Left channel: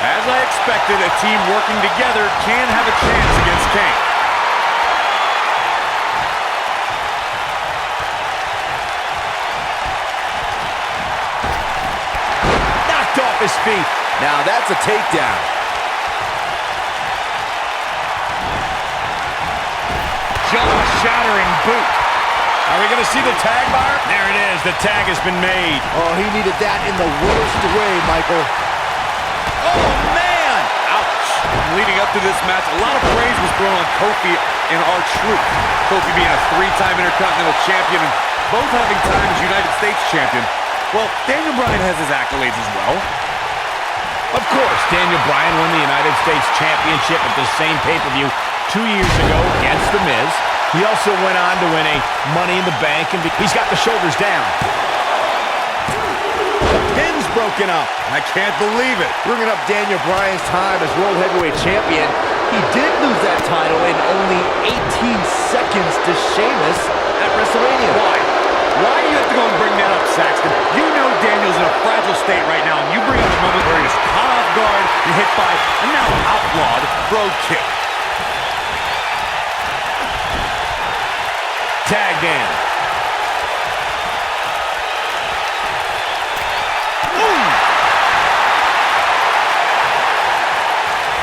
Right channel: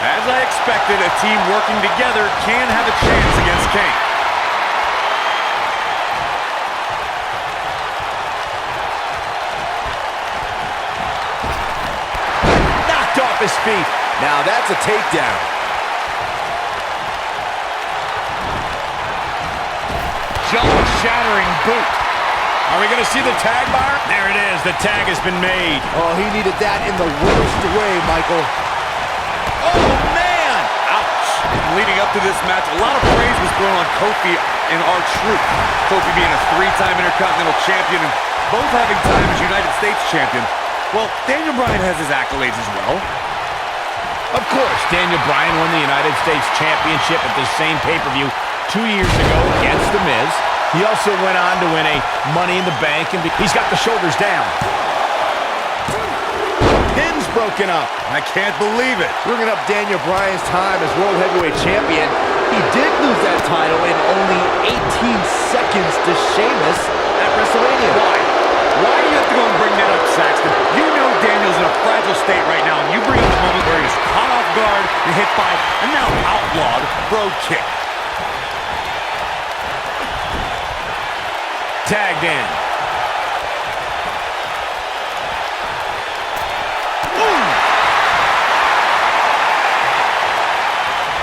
As I expected, a team working together can have a chance against Kane. Knocked off his feet. Now that's a takedown. Jaw-shattering boot. Are we going to see the tag, Byron? There it is. The tag has been made. Oh, he needed that in the worst way, Michael. Oh, man! Ouch. Leading up to this match, a lot of praise was thrown on Kofi and R-Truth. Kofi being a three-time Intercontinental Champion and both having time as United States Champion. Well, Daniel Bryan has his accolades as well. Of course, Daniel Bryan won the United States Championship at the same pay-per-view 2 years ago against The Miz. He also went on to win a Money in the Bank, and he's got the shoulders down. The pin's broken up. I can't believe it. Bringing up Daniel Bryan's time as World Heavyweight Champion, he did lose that title in only 18 seconds to Sheamus at WrestleMania. Why? Why do you have to go and bring that up, Saxton? You know Daniel's in a fragile state right now, and you bring up the moment where he was caught off guard and hit by a now outlawed Brogue Kick. Tagged in. Boom!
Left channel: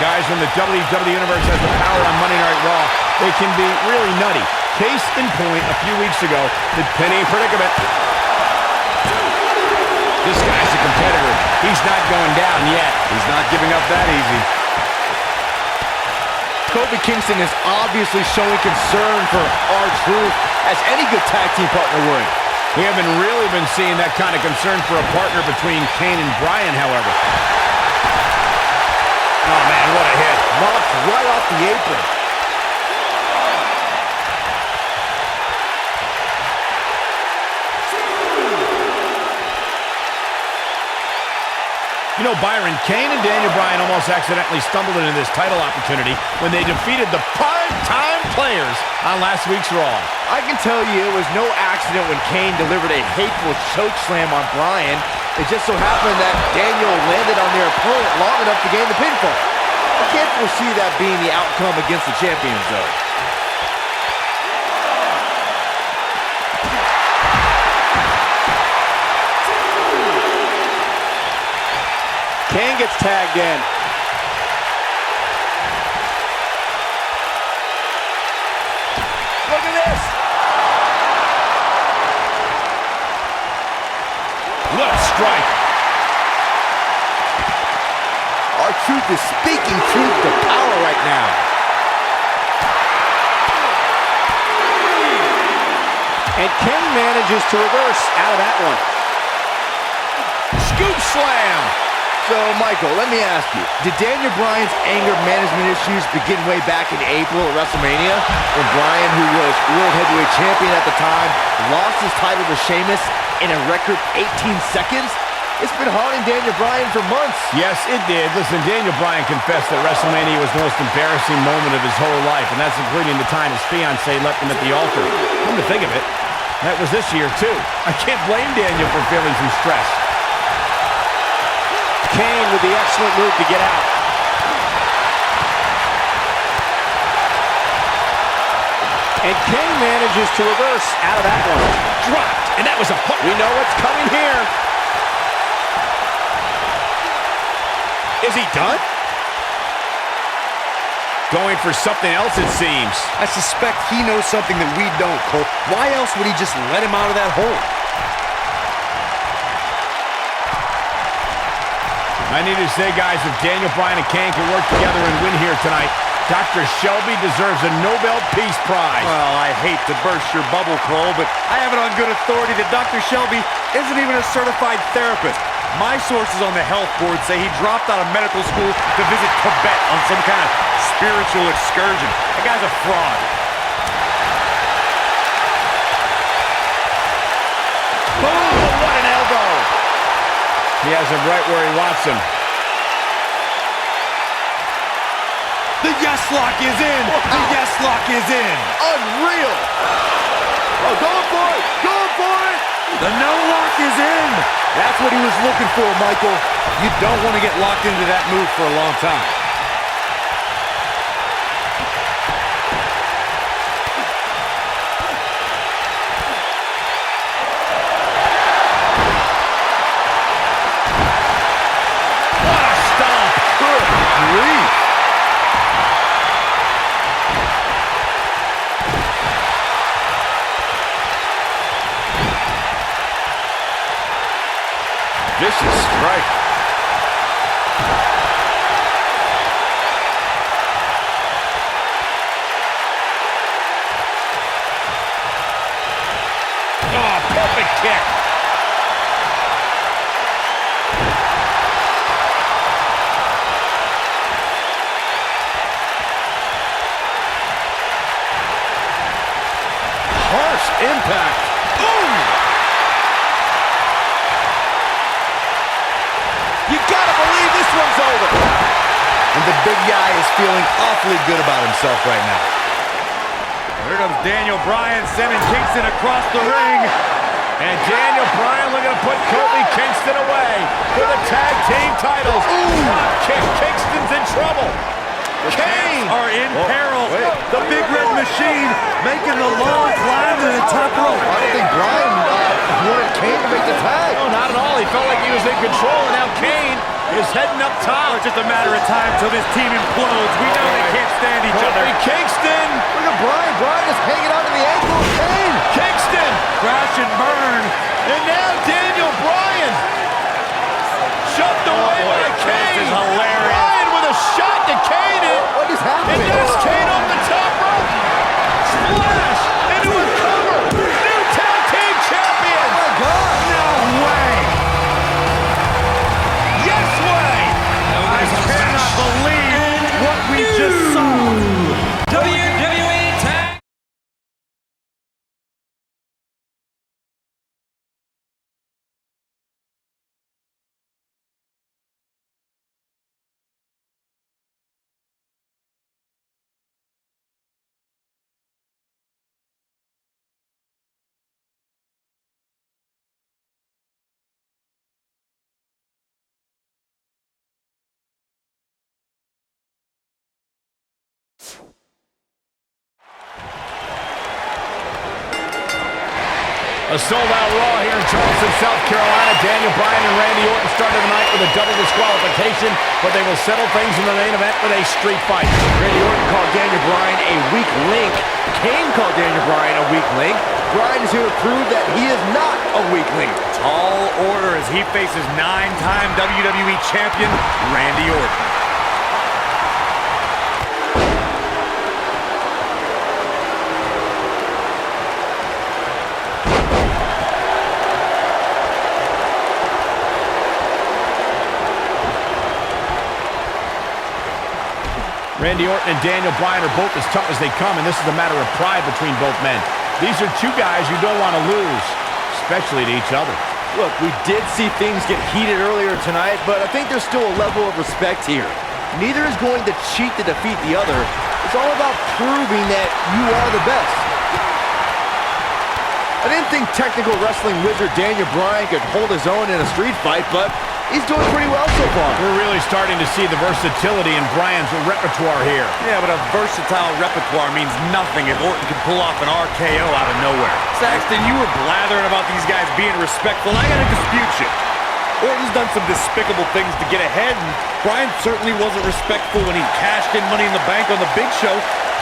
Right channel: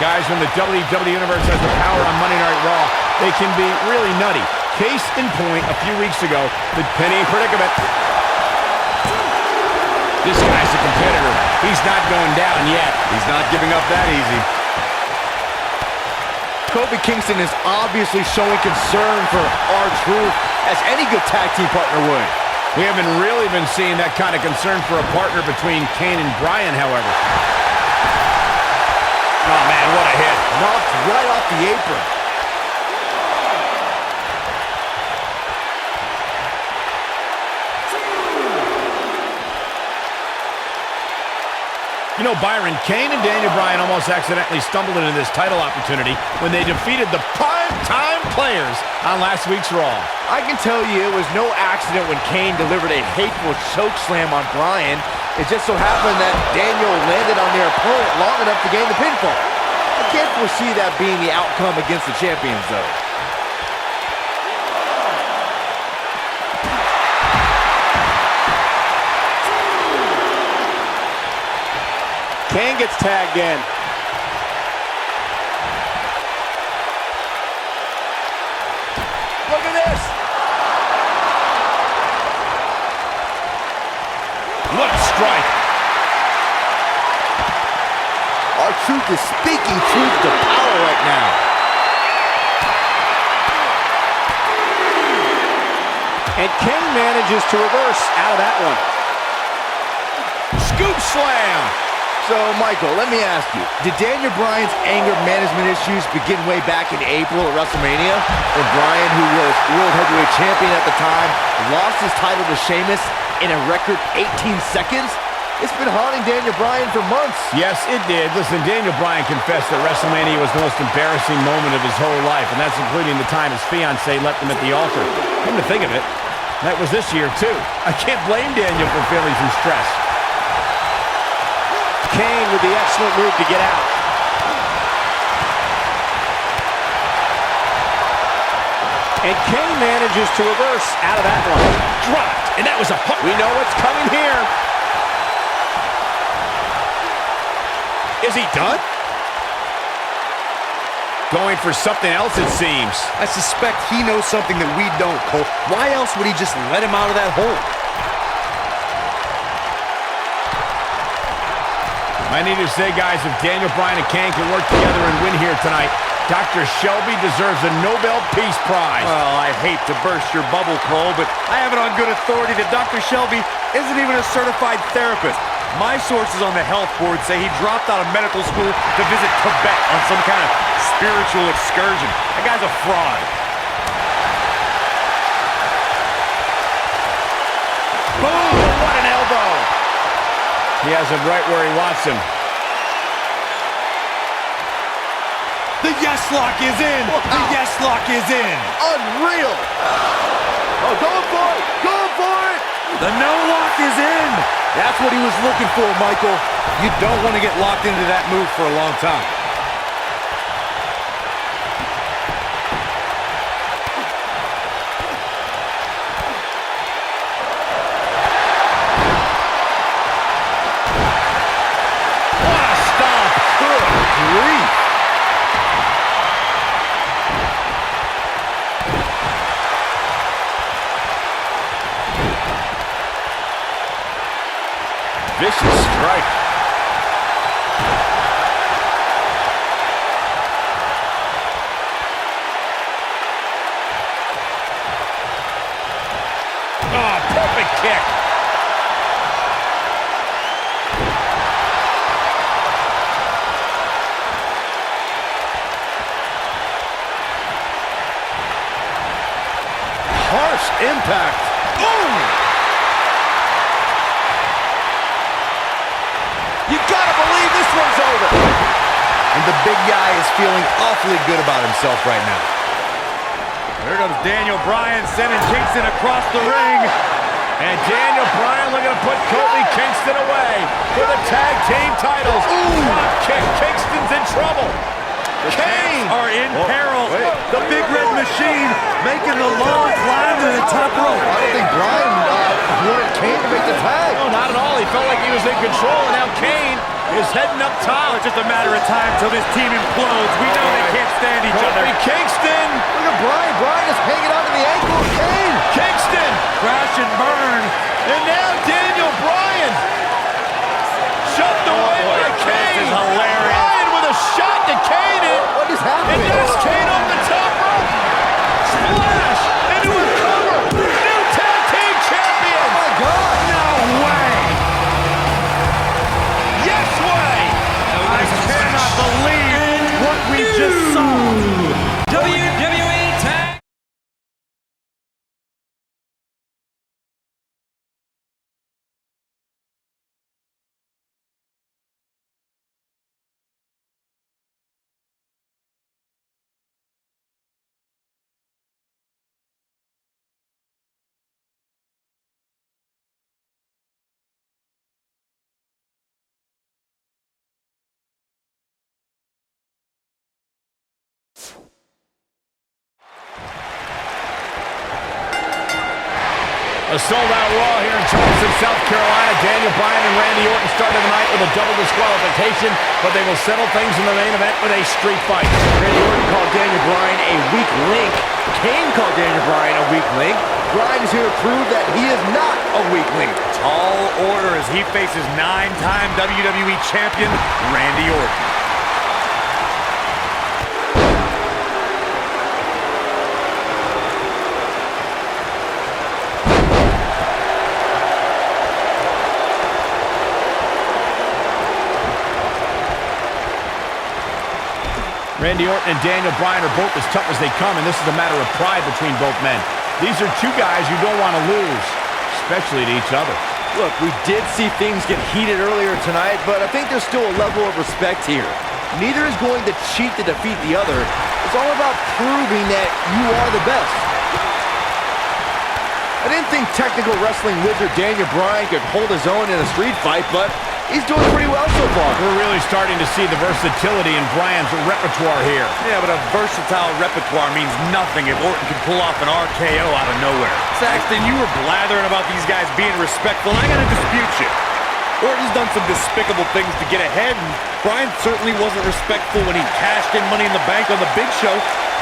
Guys, when the WWE Universe has the power on Monday Night Raw, they can be really nutty. Case in point, a few weeks ago, the Penny Predicament. This guy's a competitor. He's not going down yet. He's not giving up that easy. Kofi Kingston is obviously showing concern for R-Truth, as any good tag team partner would. We haven't really been seeing that kind of concern for a partner between Kane and Bryan, however. Oh, man, what a hit. Knocked right off the apron. You know, Byron, Kane and Daniel Bryan almost accidentally stumbled into this title opportunity when they defeated the prime-time players on last week's Raw. I can tell you it was no accident when Kane delivered a hateful chokeslam on Bryan. It just so happened that Daniel landed on their opponent long enough to gain the pinfall. I can't foresee that being the outcome against the champions, though. Kane gets tagged in. Look at this! What a strike. R-Truth is speaking truth to power right now. And Kane manages to reverse out of that one. Scoop slam. So, Michael, let me ask you, did Daniel Bryan's anger management issues begin way back in April at WrestleMania, when Bryan, who was World Heavyweight Champion at the time, lost his title to Sheamus in a record 18 seconds? It's been haunting Daniel Bryan for months. Yes, it did. Listen, Daniel Bryan confessed that WrestleMania was the most embarrassing moment of his whole life, and that's including the time his fiancée left him at the altar. Come to think of it, that was this year, too. I can't blame Daniel for feeling some stress. Kane with the excellent move to get out. And Kane manages to reverse out of that one. Dropped, and that was a hook. We know what's coming here. Is he done? Going for something else, it seems. I suspect he knows something that we don't, Cole. Why else would he just let him out of that hole? I need to say, guys, if Daniel Bryan and Kane can work together and win here tonight, Dr. Shelby deserves a Nobel Peace Prize. Well, I hate to burst your bubble, Cole, but I have it on good authority that Dr. Shelby isn't even a certified therapist. My sources on the health board say he dropped out of medical school to visit Tibet on some kind of spiritual excursion. That guy's a fraud. Boom! What an elbow! He has him right where he wants him. The yes lock is in! Wow. The yes lock is in! Unreal! Oh, going for it! Going for it! The no lock is in! That's what he was looking for, Michael. You don't want to get locked into that move for a long time. What a stomp! Good grief. Vicious strike. Oh, perfect kick. Harsh impact. Boom! You gotta believe this one's over. And the big guy is feeling awfully good about himself right now. Here comes Daniel Bryan sending Kingston across the ring. And Daniel Bryan looking to put Kofi Kingston away for the tag team titles. Drop kick. Kingston's in trouble. Kane are in peril. The Big Red Machine making the long climb to the top rope. I don't think Bryan wanted Kane to make the tag. No, not at all. He felt like he was in control, and now Kane is heading up top. It's just a matter of time till this team implodes. We know they can't stand each other. Kofi Kingston. Look at Bryan. Bryan is hanging onto the ankle of Kane. Kingston. Crash and burn. And now Daniel Bryan. Shoved away by Kane. This is hilarious. Bryan with a shot to Kane. What is happening? And there's Kane on the top rope. Splash into a cover. New tag team champion. Oh, my God. No way. Yes way. I cannot believe what we just saw. WWE Tag. A sold-out Raw here in Charleston, South Carolina. Daniel Bryan and Randy Orton started the night with a double disqualification, but they will settle things in the main event with a street fight. Randy Orton called Daniel Bryan a weak link. Kane called Daniel Bryan a weak link. Bryan is here to prove that he is not a weak link. Tall order as he faces 9-time WWE champion Randy Orton. Randy Orton and Daniel Bryan are both as tough as they come, and this is a matter of pride between both men. These are two guys you don't want to lose, especially to each other. Look, we did see things get heated earlier tonight, but I think there's still a level of respect here. Neither is going to cheat to defeat the other. It's all about proving that you are the best. I didn't think technical wrestling wizard Daniel Bryan could hold his own in a street fight, but he's doing pretty well so far. We're really starting to see the versatility in Bryan's repertoire here. Yeah, but a versatile repertoire means nothing if Orton can pull off an RKO out of nowhere. Saxton, you were blathering about these guys being respectful, and I gotta dispute you. Orton's done some despicable things to get ahead, and Bryan certainly wasn't respectful when he cashed in Money in the Bank on the Big Show.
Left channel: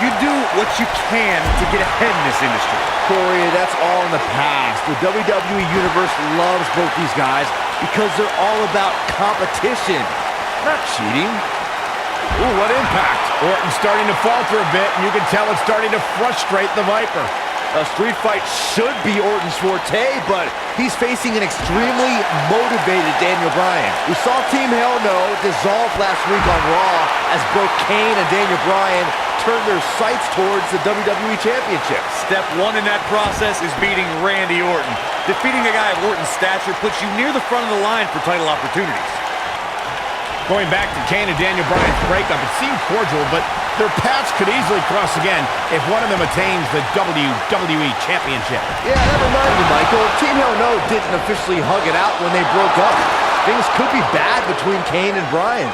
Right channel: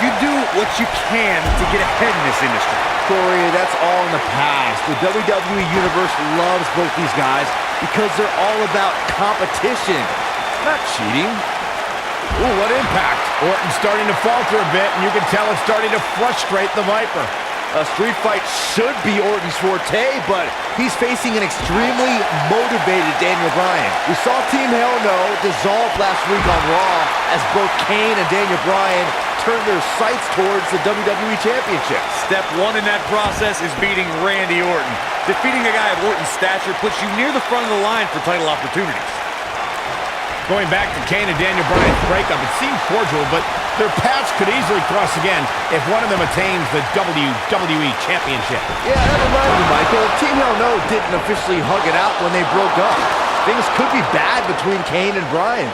You do what you can to get ahead in this industry. Corey, that's all in the past. The WWE Universe loves both these guys because they're all about competition, not cheating. Ooh, what impact. Orton's starting to falter a bit, and you can tell it's starting to frustrate the Viper. A street fight should be Orton's forte, but he's facing an extremely motivated Daniel Bryan. We saw Team Hell No dissolve last week on Raw as both Kane and Daniel Bryan turned their sights towards the WWE Championship. Step one in that process is beating Randy Orton. Defeating a guy of Orton's stature puts you near the front of the line for title opportunities. Going back to Kane and Daniel Bryan's breakup, it seemed cordial, but Their paths could easily cross again if one of them attains the WWE Championship. Yeah, that reminds me, Michael. Team Hell No didn't officially hug it out when they broke up. Things could be bad between Kane and Bryan.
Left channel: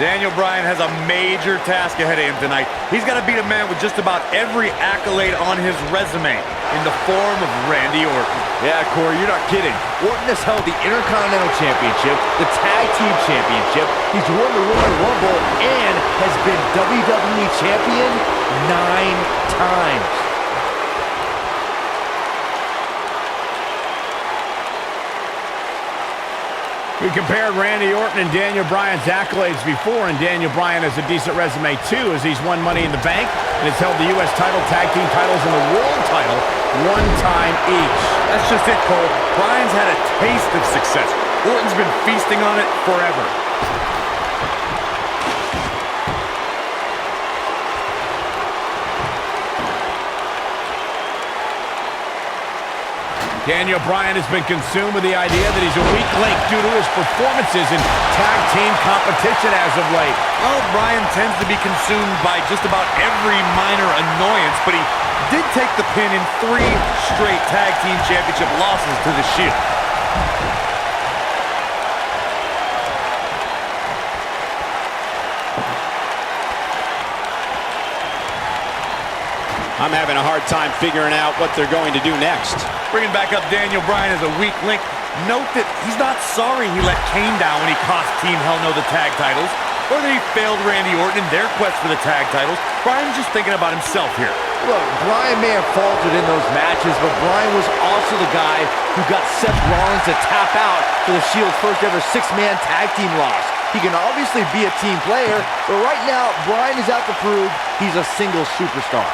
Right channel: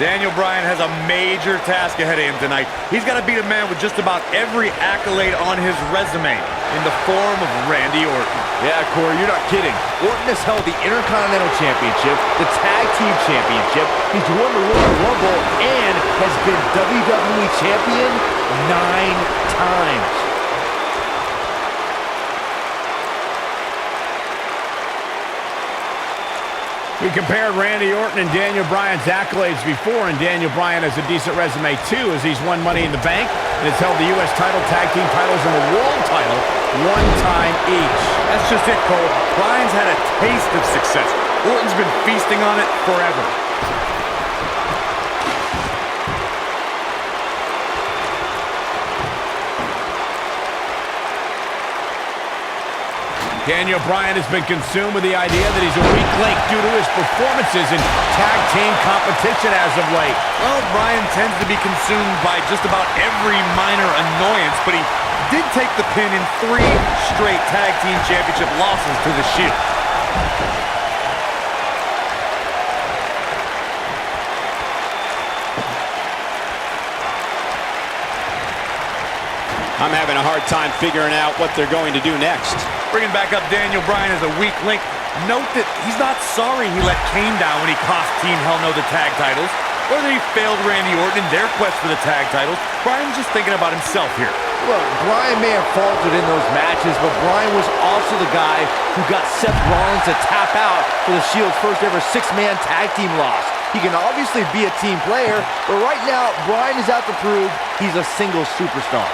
Daniel Bryan has a major task ahead of him tonight. He's got to beat a man with just about every accolade on his resume in the form of Randy Orton. Yeah, Corey, you're not kidding. Orton has held the Intercontinental Championship, the Tag Team Championship, he's won the Royal Rumble, and has been WWE Champion 9 times. We compared Randy Orton and Daniel Bryan's accolades before, and Daniel Bryan has a decent resume too, as he's won Money in the Bank and has held the U.S. title, tag team titles, and the world title one time each. That's just it, Cole. Bryan's had a taste of success. Orton's been feasting on it forever. Daniel Bryan has been consumed with the idea that he's a weak link due to his performances in tag team competition as of late. Well, Bryan tends to be consumed by just about every minor annoyance, but he did take the pin in 3 straight tag team championship losses to the Shield. I'm having a hard time figuring out what they're going to do next. Bringing back up Daniel Bryan as a weak link. Note that he's not sorry he let Kane down when he cost Team Hell No the tag titles, or that he failed Randy Orton in their quest for the tag titles. Bryan's just thinking about himself here. Look, Bryan may have faltered in those matches, but Bryan was also the guy who got Seth Rollins to tap out for the Shield's first ever 6-man tag team loss. He can obviously be a team player, but right now, Bryan is out to prove he's a single superstar.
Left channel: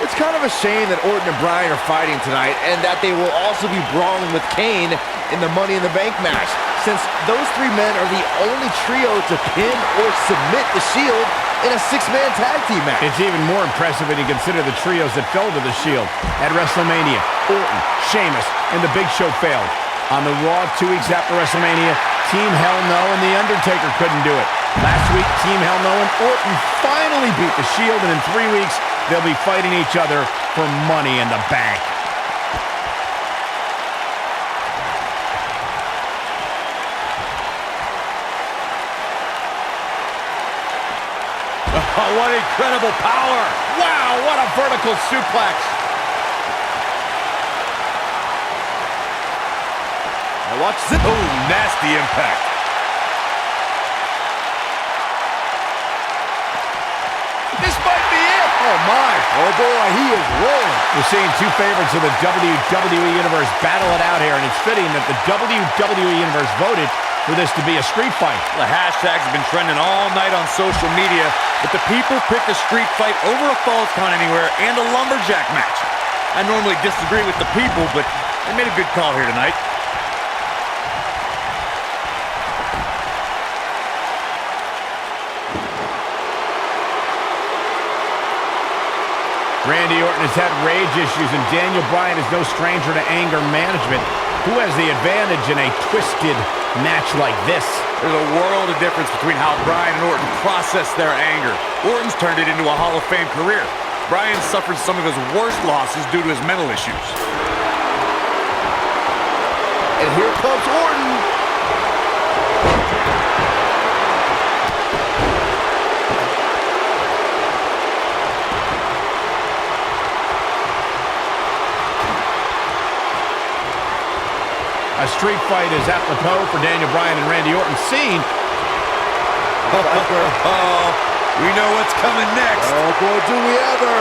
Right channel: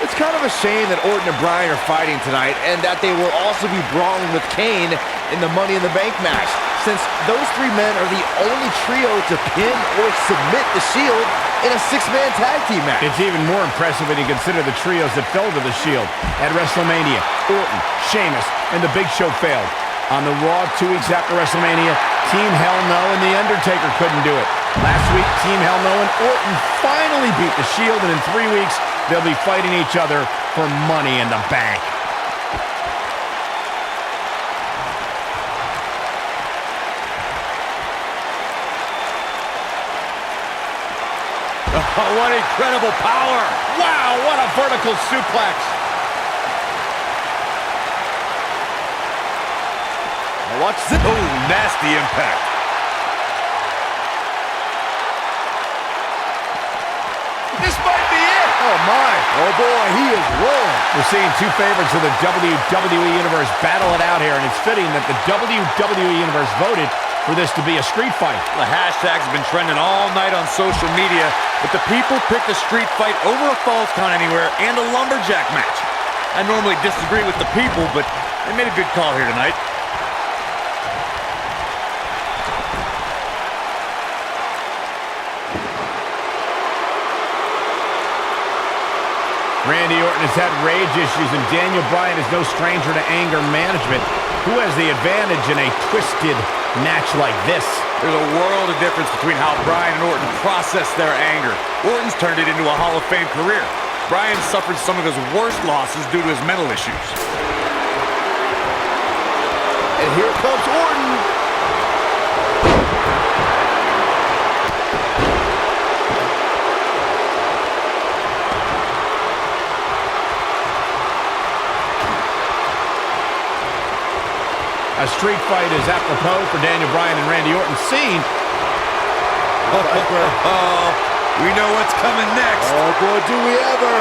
It's kind of a shame that Orton and Bryan are fighting tonight, and that they will also be brawling with Kane in the Money in the Bank match, since those 3 men are the only trio to pin or submit the Shield in a 6-man tag team match. It's even more impressive when you consider the trios that fell to the Shield. At WrestleMania, Orton, Sheamus, and The Big Show failed. On the Raw 2 weeks after WrestleMania, Team Hell No and The Undertaker couldn't do it. Last week, Team Hell No and Orton finally beat the Shield, and in 3 weeks, they'll be fighting each other for Money in the Bank. Oh, what incredible power! Wow, what a vertical suplex! Now watch this. Oh, nasty impact. This might be it. Oh, my. Oh, boy, he is rolling. We're seeing 2 favorites of the WWE Universe battle it out here, and it's fitting that the WWE Universe voted for this to be a street fight. The hashtags have been trending all night on social media, but the people picked a street fight over a Falls Count Anywhere and a lumberjack match. I normally disagree with the people, but they made a good call here tonight. Randy Orton has had rage issues, and Daniel Bryan is no stranger to anger management. Who has the advantage in a twisted match like this? There's a world of difference between how Bryan and Orton process their anger. Orton's turned it into a Hall of Fame career. Bryan suffered some of his worst losses due to his mental issues. And here comes Orton. A street fight is apropos for Daniel Bryan and Randy Orton. Scene. Oh, we know what's coming next. Oh, boy, do we ever.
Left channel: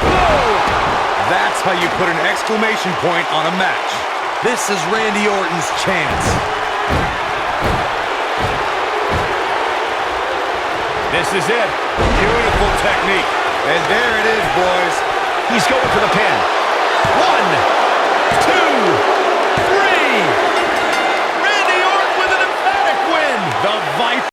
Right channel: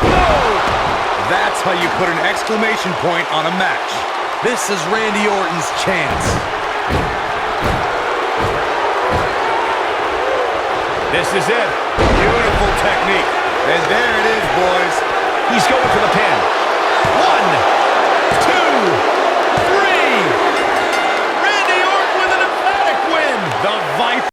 Oh! That's how you put an exclamation point on a match. This is Randy Orton's chance. This is it. Beautiful technique. And there it is, boys. He's going for the pin. 1, 2, 3. Randy Orton with an emphatic win. The Viper.